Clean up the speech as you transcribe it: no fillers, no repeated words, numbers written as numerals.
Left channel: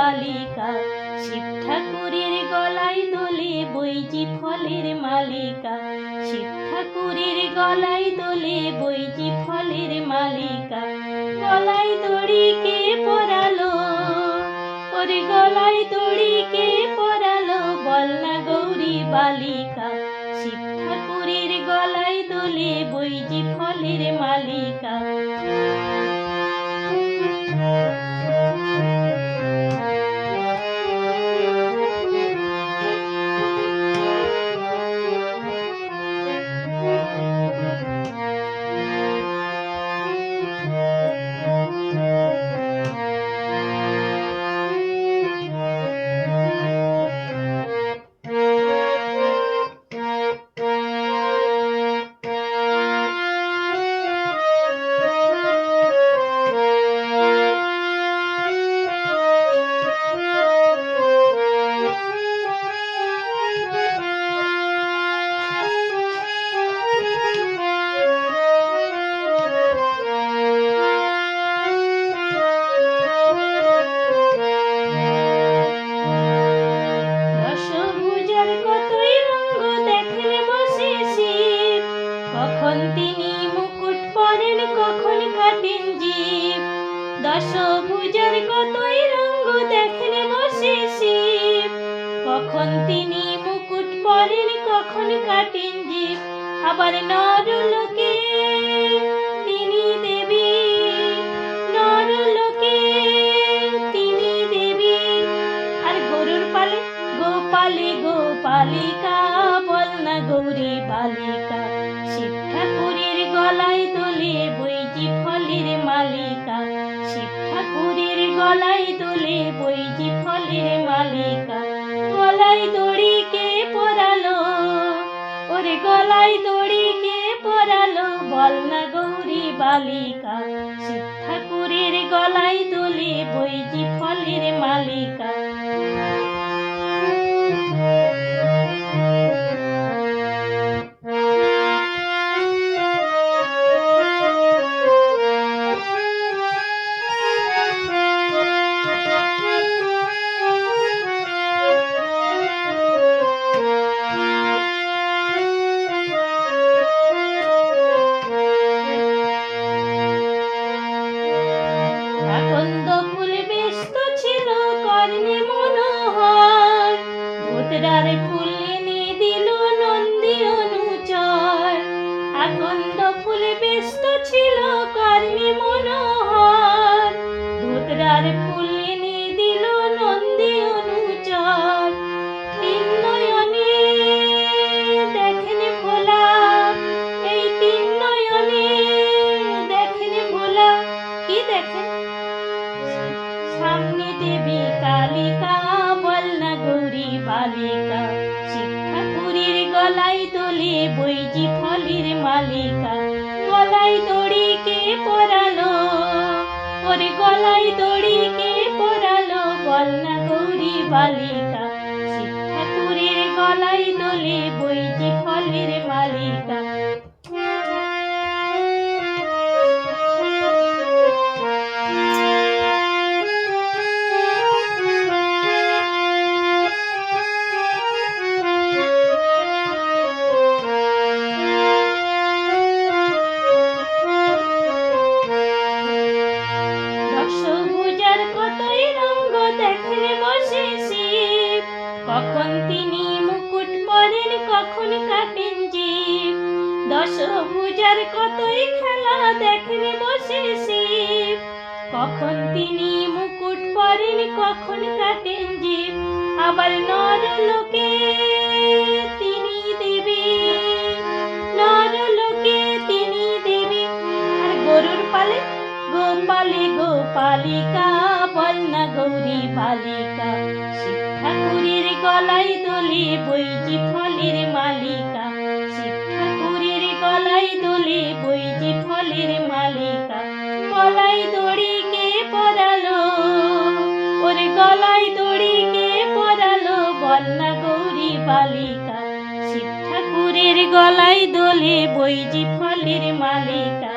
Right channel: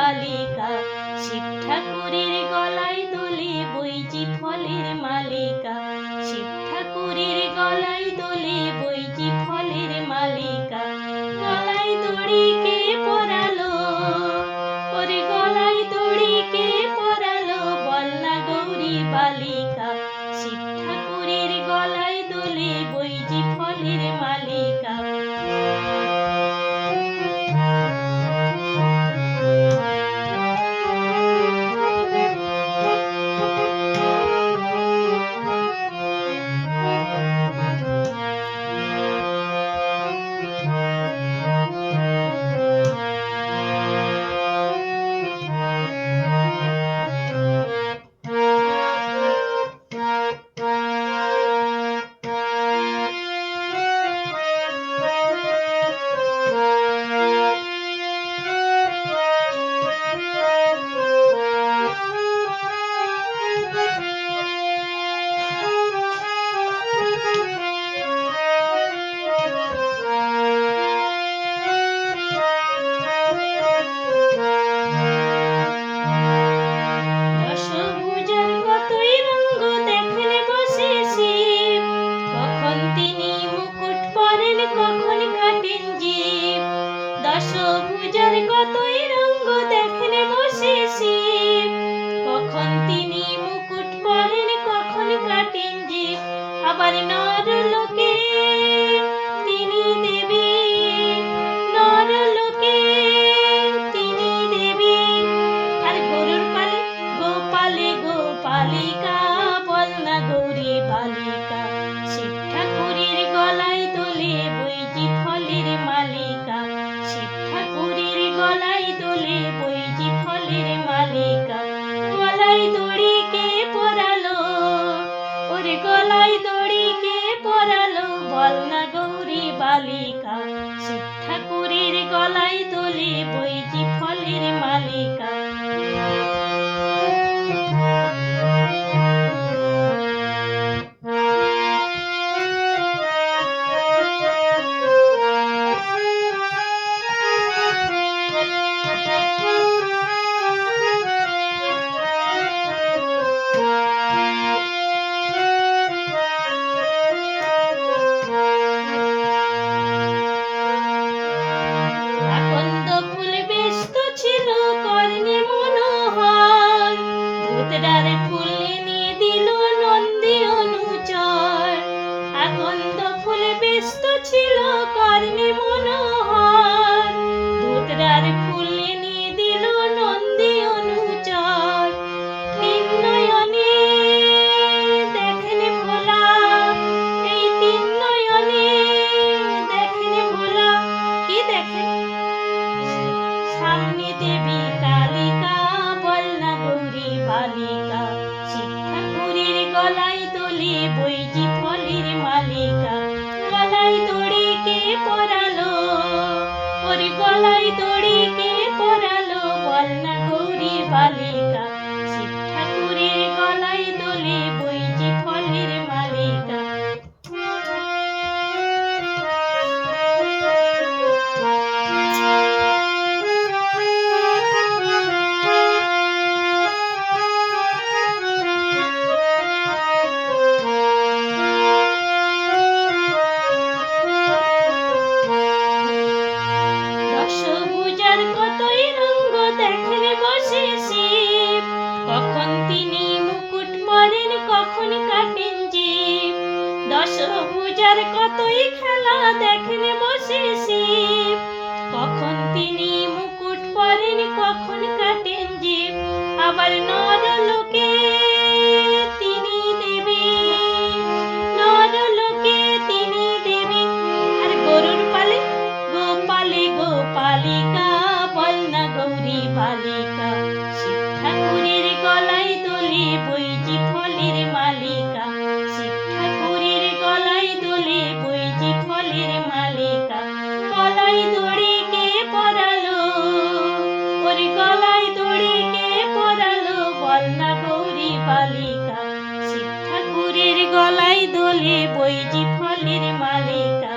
বালিকা। শিব ঠাকুরের গলায় দোলে বৈজি ফলের মালিকা। শিব ঠাকুরের গলায় দোলে বৈজি ফলের মালিকা। গলায় দড়ি কে পরালো, ওরে গলায় দড়ি কে পরালো, বল না গৌরী বালিকা। শিব ঠাকুরের গলায় দোলে বৈজি ফলের মালিকা। দশভুজার কতই রঙ্গ দেখেন বসে শিব, কখন তিনি মুকুট পরেন কখন কাটেন জিভ। আবার নরলোকে তিনি দেবী, নরলোকে তিনি দেবী। আর গরুর পালে গোপালে গোপালিকা, বল না গৌরী বালিকা। শিব ঠাকুরের গলায় দোলে বৈজি ফলের মালিকা। শিব ঠাকুরের গলায় দোলে বৈজি ফলের মালিকা। গলায় দড়ি কে পরালো, ওরে গলায় দড়ি কে পরালো, বল না গৌরী বালিকা। শিব ঠাকুরের গলায় দোলে বৈজি ফলের মালিকা। আকন্দ ফুল ব্যস্ত ছিল কর্ণে মনোহর, ধুতরার ফুল এনে দিল নন্দী অনুচর। আকন্দ ফুল ব্যস্ত ছিল কর্ণে মনোহর, ধুতরার ফুল এনে দিল নন্দী অনুচর। তিন নয়নে দেখেন ভোলা, এই তিন নয়নে দেখেন ভোলা। কি দেখেন? সামনে দেবী কালিকা, বল না গৌরী বালিকা। শিব ঠাকুরের গলায় দোলে বৈজি ফলের মালিকা। গলায় দড়ি কে পরালো, ওরে গলায় দড়ি কে পরালো, বল না গৌরী বালিকা। শিব ঠাকুরের গলায় দোলে বৈজি ফলের মালিকা। দশভুজার কতই রঙ্গ দেখেন বসে শিব, কখন তিনি মুকুট পরেন কখন কাটেন জিভ। দশভুজার কতই খেলা দেখেন বসে শিব, কখন তিনি মুকুট পরেন কখন কাটেন জিভ। আবার নরলোকে তিনি দেবী, নরলোকে তিনি দেবী। আর গরুর পালে গোপালে গোপালিকা, বল না গৌরী বালিকা। শিব ঠাকুরের গলায় দোলে বৈজি ফলের মালিকা। শিব ঠাকুরের গলায় দোলে বৈজি ফলের মালিকা। গলায় দড়ি কে পরালো, ওরে গলায় দড়ি কে পরালো, বল না গৌরী বালিকা। শিব ঠাকুরের গলায় দোলে বৈজি ফলের মালিকা।